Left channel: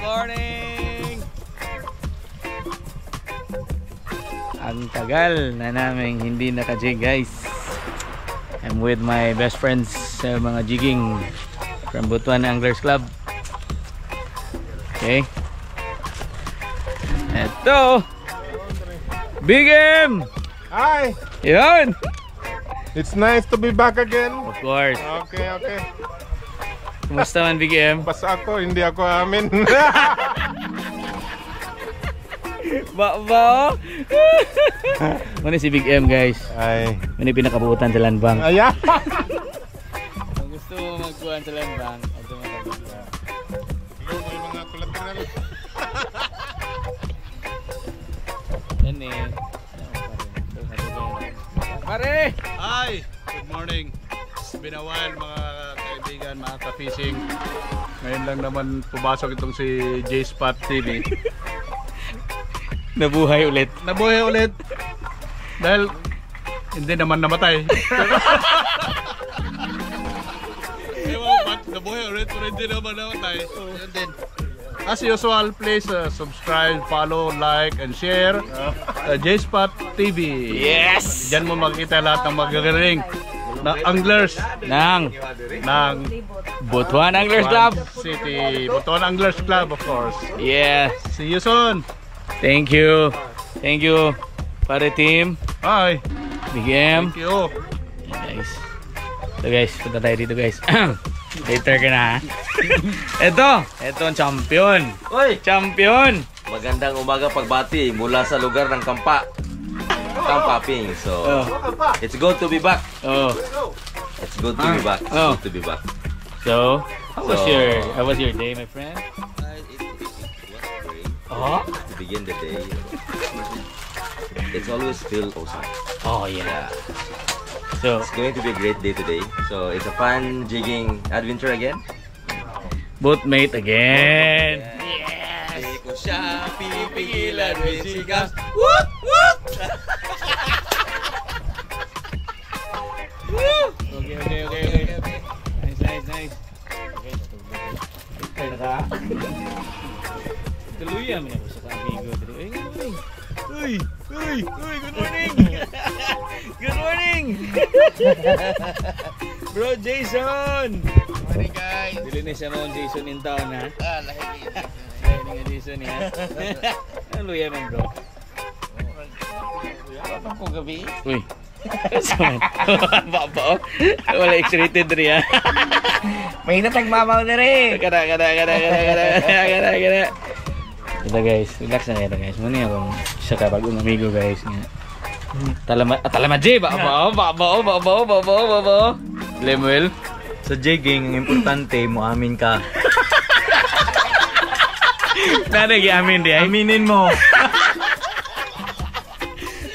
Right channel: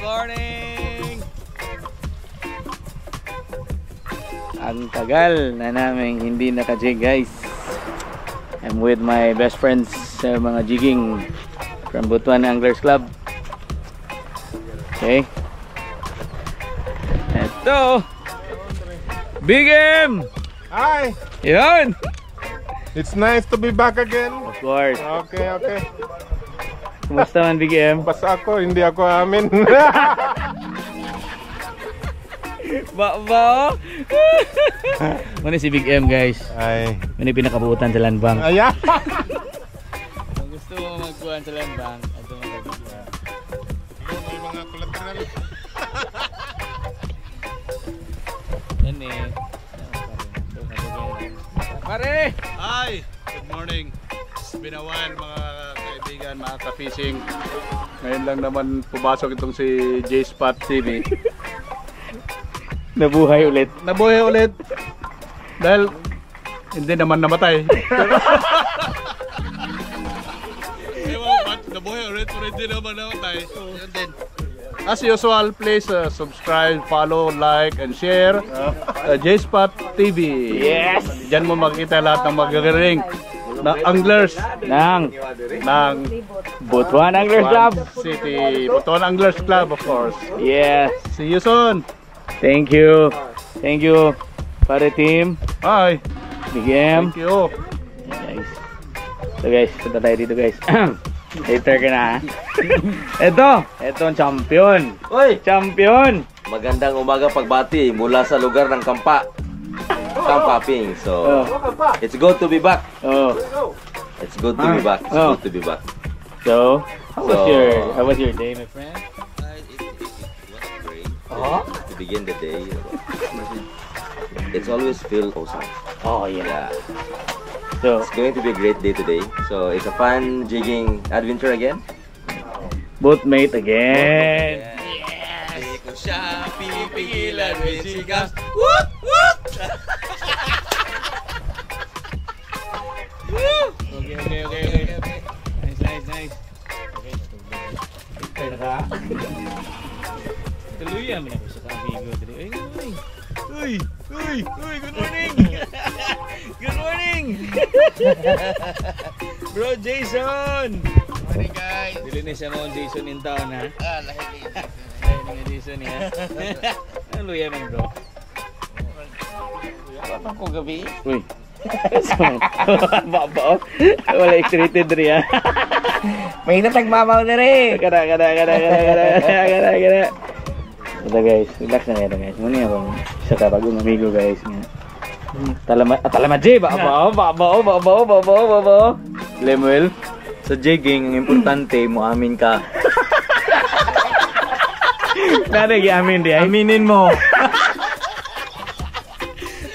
morning! Ang tagal na namin hindi naka-jig, guys. I'm with my best friends sa mga jigging from Butuan Anglers Club. Okay. Ito! Big M! Hi! Yun! It's nice to be back again. Of course. Okay. Kumusta man, Big M? Basta ako, hindi ako amin. Ba? Muna si Big M, guys. Ay. Muna pinakabuutan sa landbang. Ayan. Kung gusto mo magkuhan sa landbang, ito mo Big M. May mga collateral. Yan eh. Pare! Hi! Good morning. It's been a while mga kaibigan, mga ka-fishing. Ngayon lang naman pumasok itong si J-Spot TV. Nabuhay ulit. Nabuhay ulit. Dahil hindi naman namatay. Ewan ba't nabuhay ulit pero hindi naman namatay. Yun din. As usual, please subscribe, follow, like, and share J-Spot TV. Yes! Diyan mo makikita lahat ng magagaling na anglers Nang Butuan Anglers Club City, Butuan Anglers Club, of course. Yes. See you soon. Thank you. Thank you, pare team. Bye. Big M. Thank you. Guys. So guys, punta tayo dito, guys. Later ka na, ha? Ito ang champion. Oy! Champion. Magandang umaga pagbati mula sa lugar ng Campaping. So, it's good to be back. Oh. It's good to be back. It's Oh. good to be back. So, how was your day, my friend? It was great. Oh? To begin the day, it's always feel awesome. Oh yeah. So, It's going to be a great day today. So, it's a fun jigging adventure again. boatmate again. Yes! Di ko siya pipigilan with sigas. Woot! Woot! Okay. Nice. Okay, natulog na ka. Tuluyan mo na ko sa kamigo. Uy, good morning! Good morning! Bro Jason! Morning guys. Dili na siya mga Jason in town, ha? Lahir Ayun nga Jason, ha? Ano luya man, bro? Ano ko gabi? Uy! Baba, wala excited rin, ha? May natagmamaw na rin. Kada. Ito guys, relax na kayo guys. Muna ako siya ka bagong amigo guys. Talama J! Ba? Lemuel? Sa jigging, ang importante mo amin ka. Nanay amin di ay? Aminin mo.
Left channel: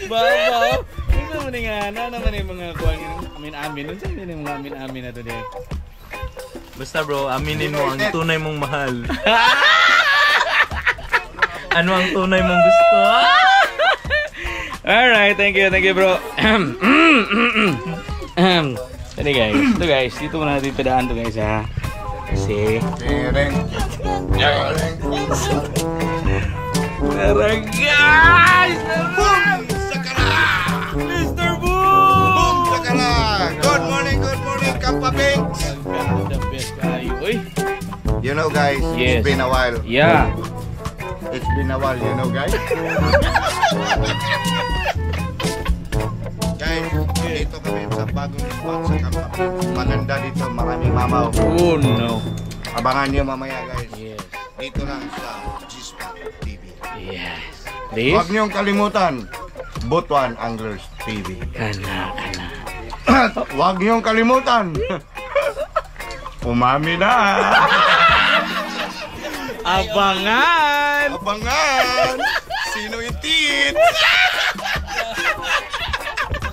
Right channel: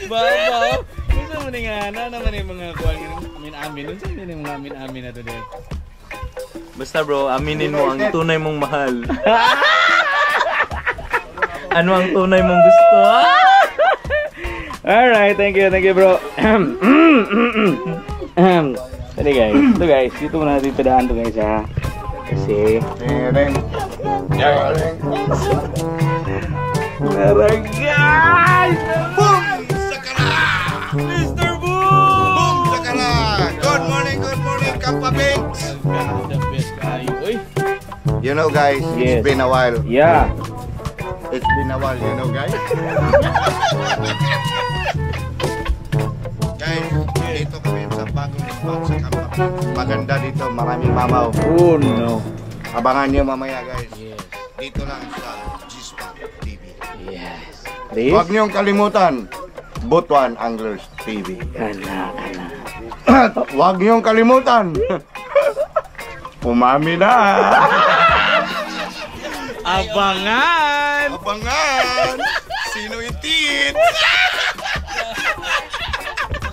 Ba? Gusto mo nga na naman yung mga kuwan amin. Unsa yun yung mga amin na to di? Basta bro, aminin mo ang tunay mong mahal. Ano ang tunay mong gusto? Alright, thank you bro. Ito guys, dito muna natin padaan to guys, ha. Kasi tara guys! Boom! Sakara! Mr. Boom! Boom! Sakara! Good morning, Campaping! The best kayo. Uy! You know guys, Yes. it's been a while. Yeah. It's been a while, you know guys. Guys, dito kami sa bagong spot sa Campaping. Maganda dito, maraming mamaw. Oh no. Abangan niyo mamaya guys. Yes. Dito lang sa J-Spot TV. Yes. Please? Huwag niyong kalimutan, Butuan Anglers TV. Kana. Huwag niyong kalimutan, umami na. Abangan! Abangan! Sino itit?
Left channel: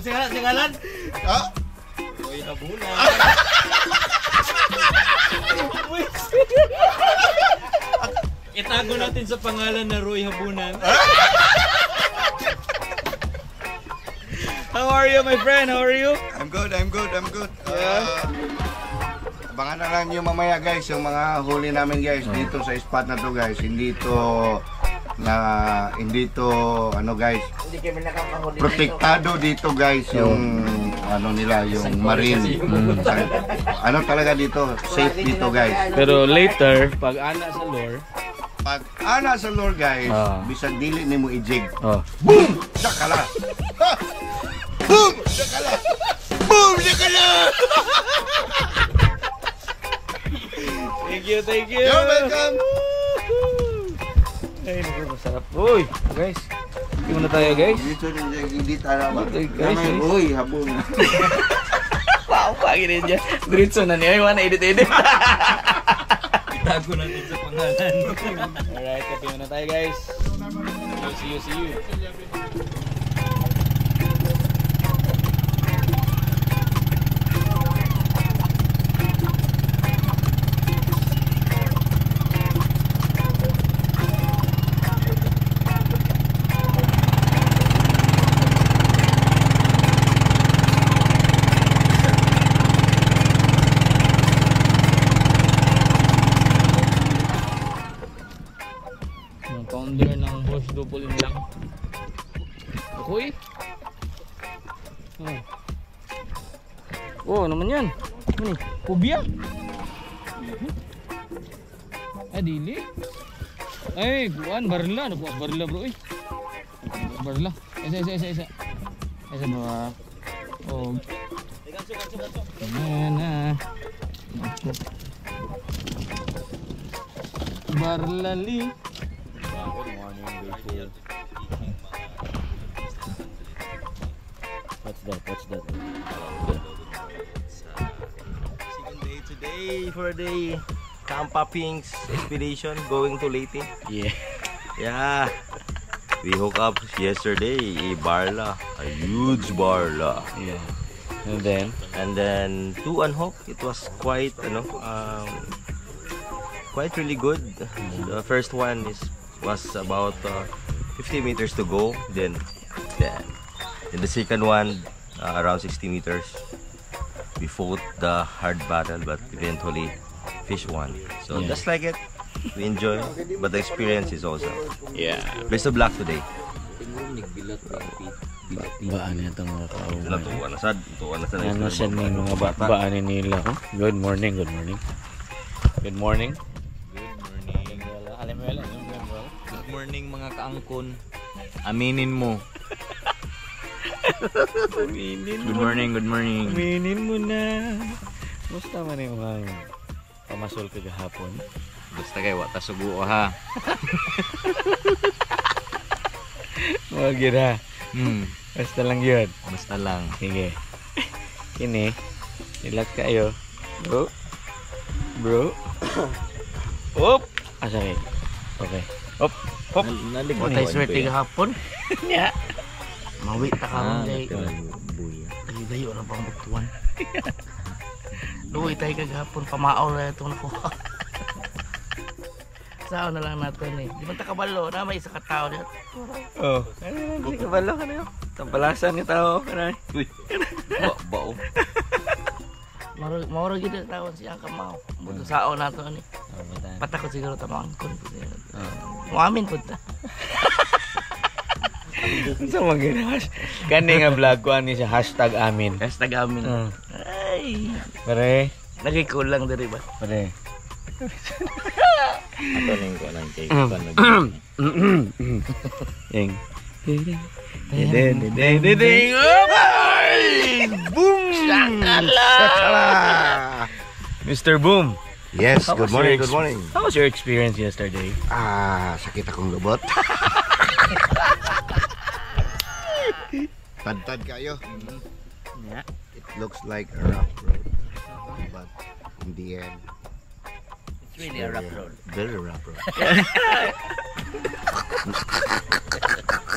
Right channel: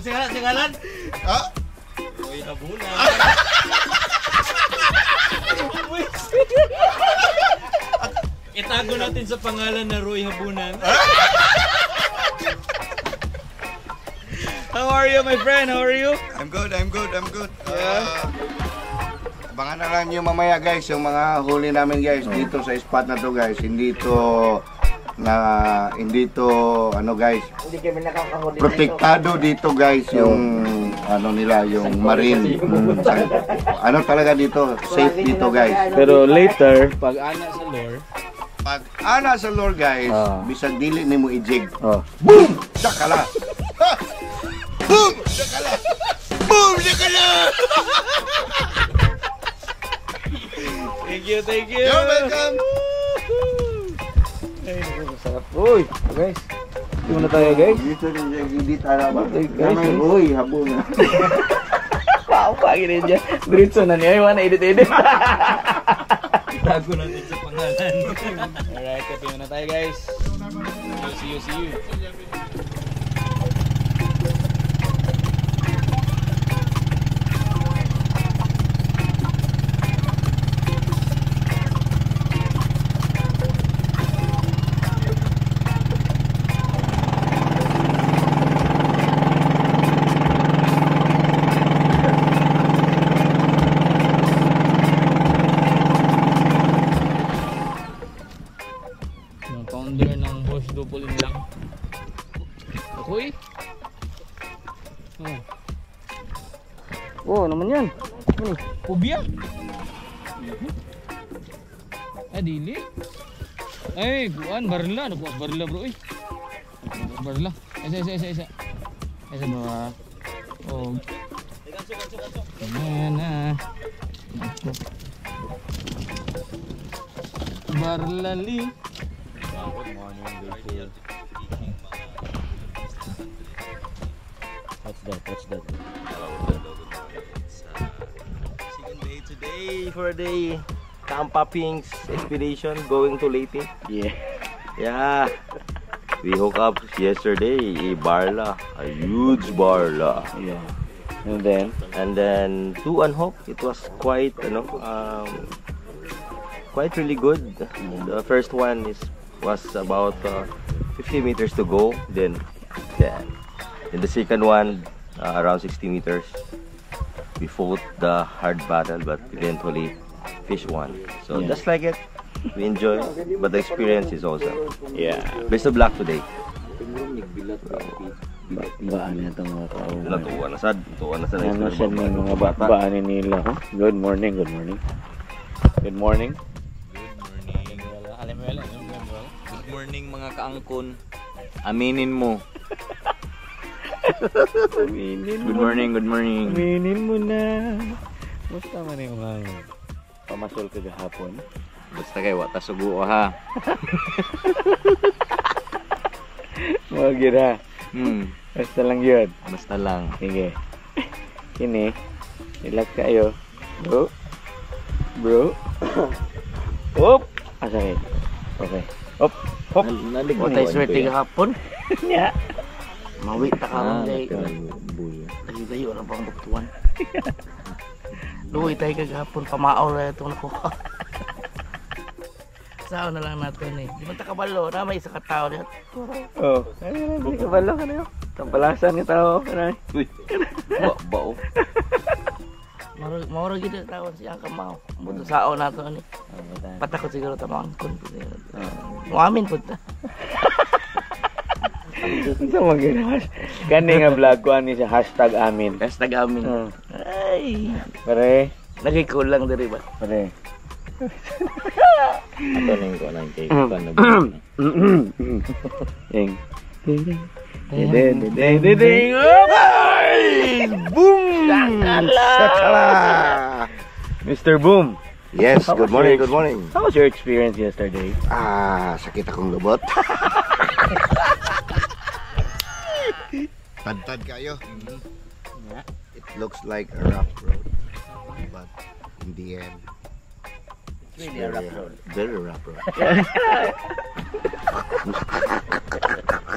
Singalan? Ha? Roy Habunan. Itago natin sa pangalan na Roy Habunan. How are you, my friend? How are you? I'm good. Abangan na lang nyo mamaya guys, yung mga huli namin guys dito sa spot na to guys. Hindi to ano guys, protektado dito guys yung ano nila, yung marine. Ano talaga dito, safe dito guys. Pero later, pag ana sa lure guys, bisag dili nimo i-jig. Boom! Dakala. Boom! Dakala. Boom! Dakala. Thank you. You're welcome. Ay, nakakasarap. Uy, guys. Hindi muna tayo, guys. Dito hindi tayo ba? Guys, Uy, habong. Wow, pagi rin dyan. Diretso na niya. Iwan na edit-edit. Itago natin sa pangalan. Alright, kape muna tayo, guys. See you. Founder ng Bosch Dupolin lang. Ako eh. Oh, naman yan. Ano? Pubia? Dili. Ay, kuan barla, nakuha barla bro eh. Barla. Isa. Isa bro. Oh. Mana. Barlali. Good morning, Rachel. What's that? Second day today for the Kampa Pinks expedition going to Leyte. Yeah. We hooked up yesterday a barla, a huge barla. Yeah. And then to unhook, it was quite quite really good. The first one was about 50 meters to go. Then the second one around 60 meters. We fought the hard battle, but eventually fish won. So just like it, we enjoy, but the experience is awesome. Yeah. Best of luck today. Baan niya itong mga kauman. Tuwa na sa Ano siya ng mga baanin nila. Oh? Good morning. Good morning mga kaangkon. Aminin mo. Good morning. Aminin mo na. Musta man yung mga pamasol ka gahapon? Basta kayo, wata sugo ha. Wag yun ha. Basta lang yun. Basta lang. Sige. Kini. Relax kayo. Bro. Hop. Asay. Okay. Hop. Nalig mo. Watay swerte gahapon. Ya. Mawi ta ka man day. Gayo na pang butuan. Luwi tayo kagahapon, pamaaw na itong nakuha. Saan na lang natin eh. Di man ta kabalo na may isa ka tao niya. Oh. Hindi ka balo ka na yun. Kampalasan ni tao. Uy. Bao. Maura gid tawon siya kamaw. Buto sao na to ni. Patakot siguro ta mangkon. Muamin pud ta. Sa mga kani nga vlog ko ani sa #amin. #amin. Ay. Pare. Nagikulang diri ba? Pare. Ato ning ko nang cake. Eng. Ding. Boom! Shakala! Mr. Boom. Yes, How good was morning, your good morning. How was your experience yesterday? Sakit akong lubot. Tad kayo. Yeah. It looks like a rough road, but in the end, It's really a rough road. very rough road.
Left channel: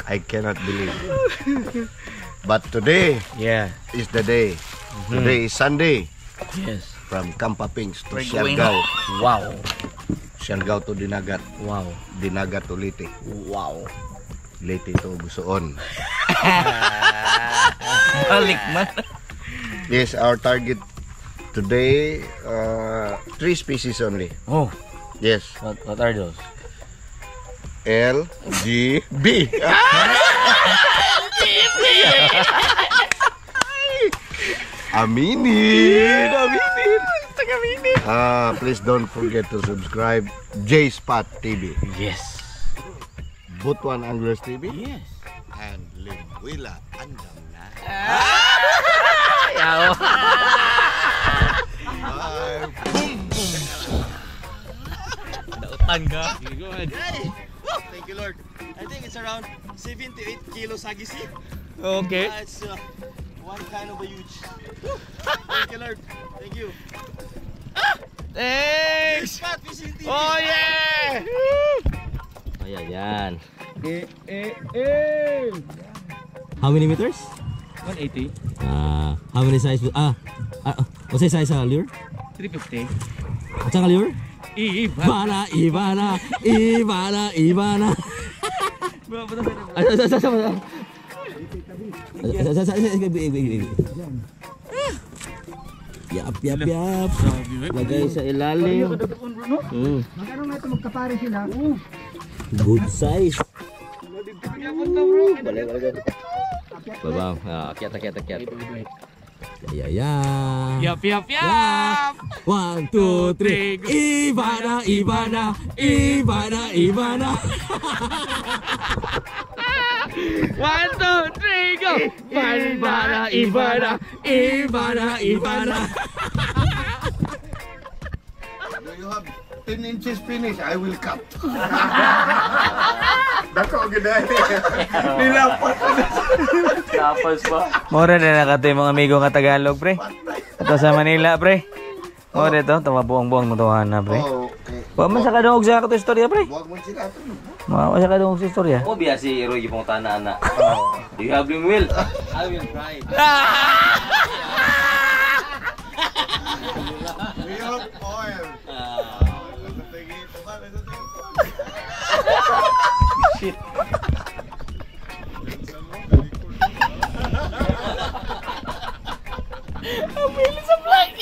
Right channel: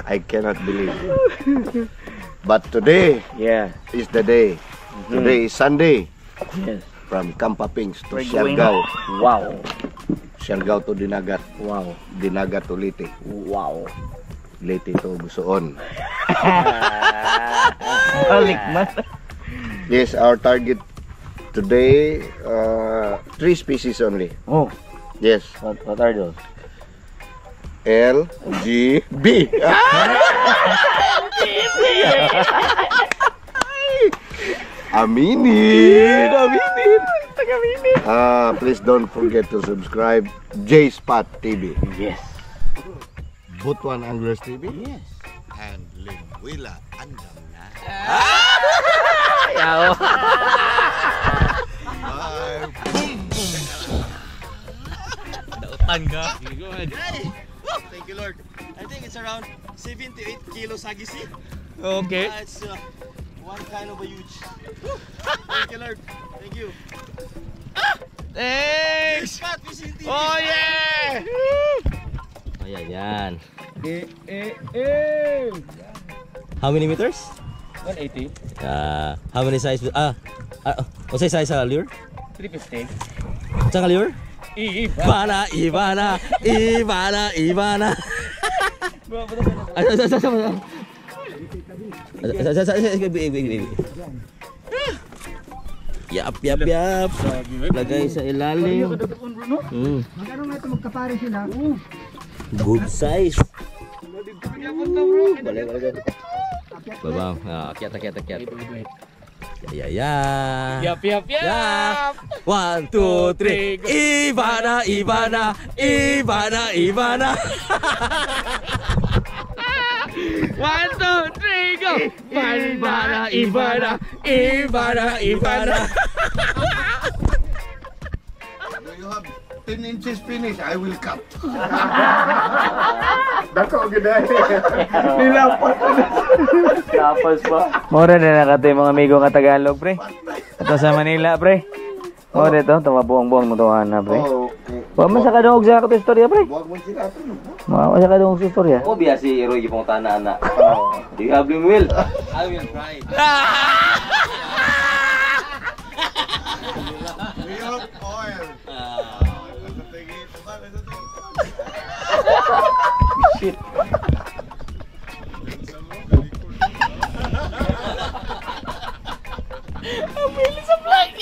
I cannot believe it. But today Yeah. is the day. Today is Sunday. Yes. From Kampa Pinks to We're going Siargao. Wow. Siargao to Dinagat. Wow. Dinagat to Leyte. Wow. Leyte to Busoon. Balik man. Yes, our target Today, 3 species only. Oh, Yes. what are those? L, G, B. Aminin. Please don't forget to subscribe J-Spot TV. Yes. Butuan Anglers TV. Yes. And Limwila Andam na. Dautan ka. Go ahead. Thank you, Lord. I think it's around 7 to 8 kilos hagisi. Okay. It's one kind of a huge. Thank you, Lord. Thank you. Thanks! Pat, fishing TV. Oh yeah! Ayan, yan. How many meters? 180. How many size? What's the size lure? 350. What's the lure? Ibana. Ibana. Yap. Lagay sa ilalim. Magkano nga ito magkapare sila? Good size. Balik. Babang, akyat. Ya. Yap. 1, 2, 3. Ibana. 1, 2, 3, go! Ibana. Do you have 10 inches finish? I will cut. Dako gid. Tapos pa. Mora na nakatay mga amigo nga Tagalog, pre. Ito sa Manila, pre. Mora ito, tama buong-buong motohan na, pre. Okay. Wa man sa kadungog sa kato istorya, pre. Wag mo sila to. Wa sa kadungog sa istorya. Oh, biya si Roy gipong tanan na. Do you have him will? I will try. We have oil. Ang bilis sa vlog.